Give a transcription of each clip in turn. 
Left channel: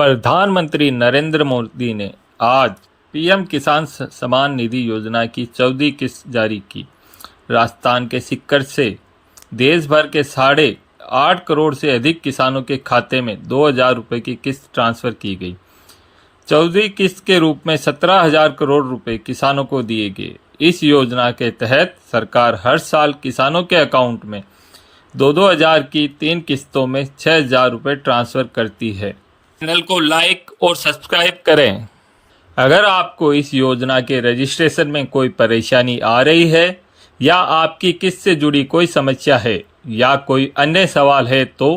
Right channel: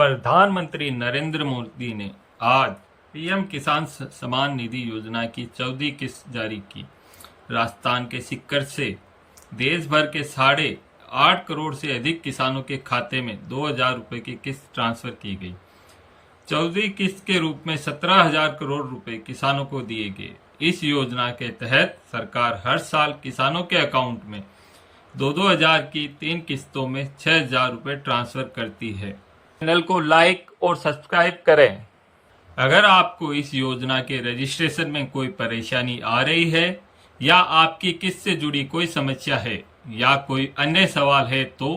प्रधानमंत्री नरेंद्र मोदी ने आज पीएम किसान सम्मान निधि योजना की 14वीं किस्त जारी की। राजस्थान के सीकर से देश भर के 8.5 करोड़ से अधिक किसानों के खाते में 2,000 रुपये की किस्त ट्रांसफर की गई। 14वीं किस्त के रूप में 17,000 करोड़ रुपए किसानों को दिए गए। इस योजना के तहत सरकार हर साल किसानों के अकाउंट में 2,000 की 3 किस्तों में 6,000 रुपये ट्रांसफर करती है। चैनल को लाइक और सब्सक्राइब करें। अगर आपको इस योजना के रजिस्ट्रेशन में कोई परेशानी आ रही है या आपकी किस्त से जुड़ी कोई समस्या है या कोई अन्य सवाल है तो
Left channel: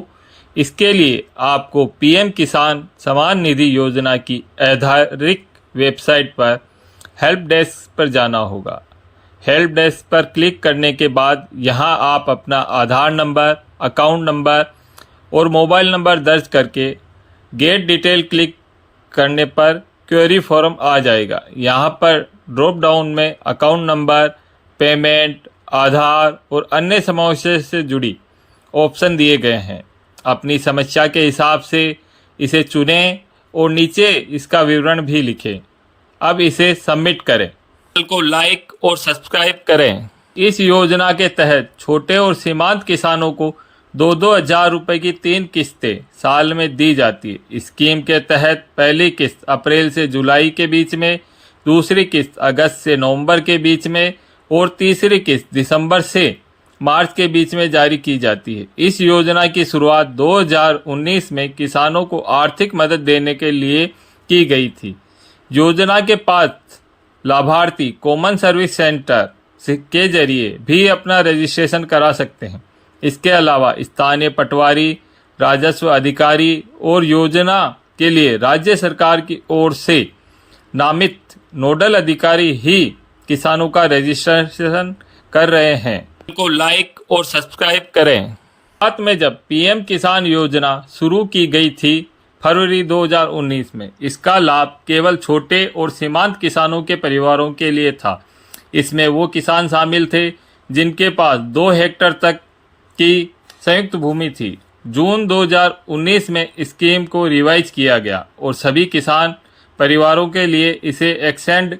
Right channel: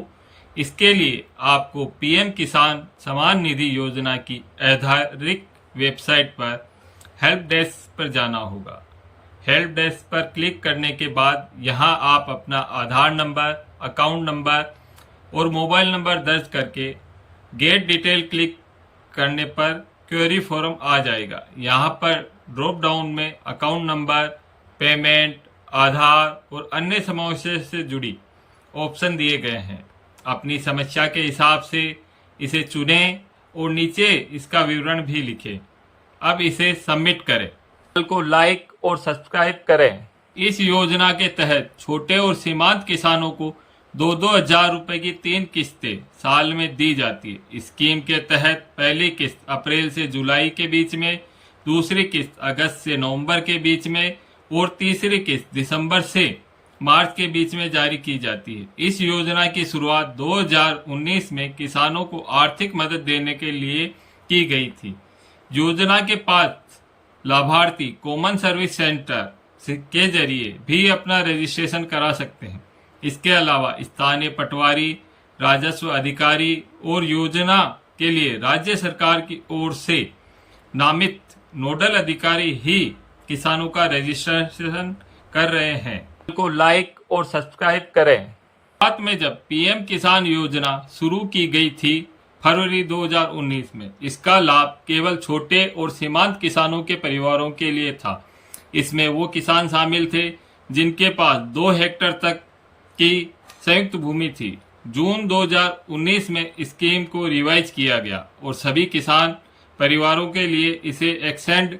इसके लिए आपको पीएम किसान सम्मान निधि योजना की आधिकारिक वेबसाइट पर हेल्प डेस्क पर जाना होगा। हेल्प डेस्क पर क्लिक करने के बाद यहां आप अपना आधार नंबर, अकाउंट नंबर और मोबाइल नंबर दर्ज करके गेट डिटेल क्लिक करने पर क्वेरी फॉर्म आ जाएगा। यहाँ पर ड्रॉप डाउन में अकाउंट नंबर, पेमेंट, आधार और अन्य समस्या से जुड़ी ऑप्शन दिए गए हैं। अपनी समस्या के हिसाब से इसे चुनें और नीचे इसका विवरण भी लिखें। अब इसे सबमिट करें। चैनल को लाइक और सब्सक्राइब करें। इस योजना के तहत छोटे और सीमांत किसानों को 2,000 रुपए की 3 किस्तें साल में दी जाती है। स्कीम के तहत पहली किस्त अप्रैल से जुलाई के बीच में, दूसरी किस्त अगस्त से नवंबर के बीच में और तीसरी किस्त दिसंबर से मार्च के बीच में जारी की जाती है। इस योजना की शुरुआत 2019 में किसानों को आर्थिक मदद देने के लिए की गई थी। योजना के पात्र लाभार्थी कॉमन सर्विस सेंटर के जरिए भी अपना रजिस्ट्रेशन करा सकते हैं। इसके अलावा स्थानीय पटवारी, राजस्व अधिकारी और योजना के लिए राज्य सरकार की ओर से नामित नोडल अधिकारी ही किसानों का रजिस्ट्रेशन कर रहे हैं। को लाइक और सब्सक्राइब करें। साथ में जब पीएम किसान योजना शुरू की गई थी फरवरी 2019 में, इसका लाभ केवल छोटे और सीमांत किसानों के परिवारों के लिए था। इसमें वो किसान शामिल थे जिनके पास 2 हेक्टेयर तक की संयुक्त भूमि थी। जून 2019 में स्कीम को रिवाइज किया गया और सभी किसान परिवारों के लिए इसे एक्सटेंड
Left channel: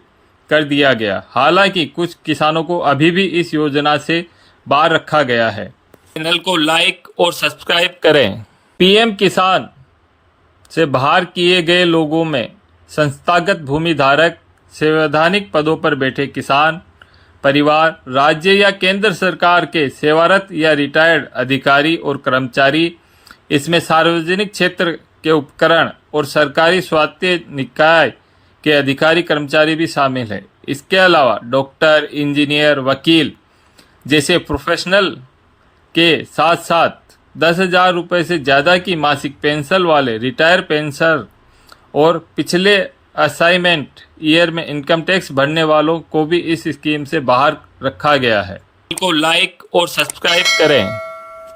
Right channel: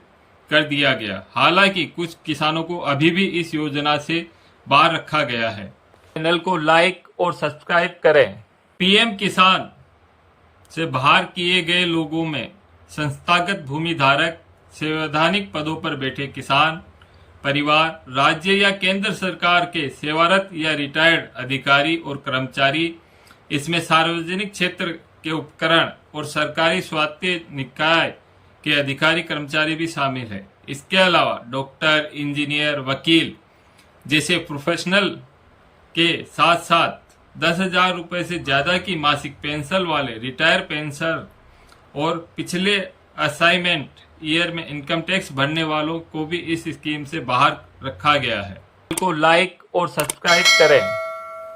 कर दिया गया। हालांकि कुछ किसानों को अभी भी इस योजना से बाहर रखा गया है। चैनल को लाइक और सब्सक्राइब करें। पीएम किसान से बाहर किए गए लोगों में संस्थागत भूमि धारक, संवैधानिक पदों पर बैठे किसान परिवार, राज्य या केंद्र सरकार के सेवारत या रिटायर्ड अधिकारी और कर्मचारी, इसमें सार्वजनिक क्षेत्र के उपकरण और सरकारी स्वायत्त निकाय के अधिकारी कर्मचारी भी शामिल हैं। इसके अलावा डॉक्टर, इंजीनियर, वकील जैसे प्रोफेशनल के साथ साथ 10,000 रुपये से ज़्यादा की मासिक पेंशन वाले रिटायर पेंशनर और पिछले असाइनमेंट ईयर में इनकम टैक्स भरने वालों को भी इस स्कीम से बाहर रखा गया है। को लाइक और सब्सक्राइब करें।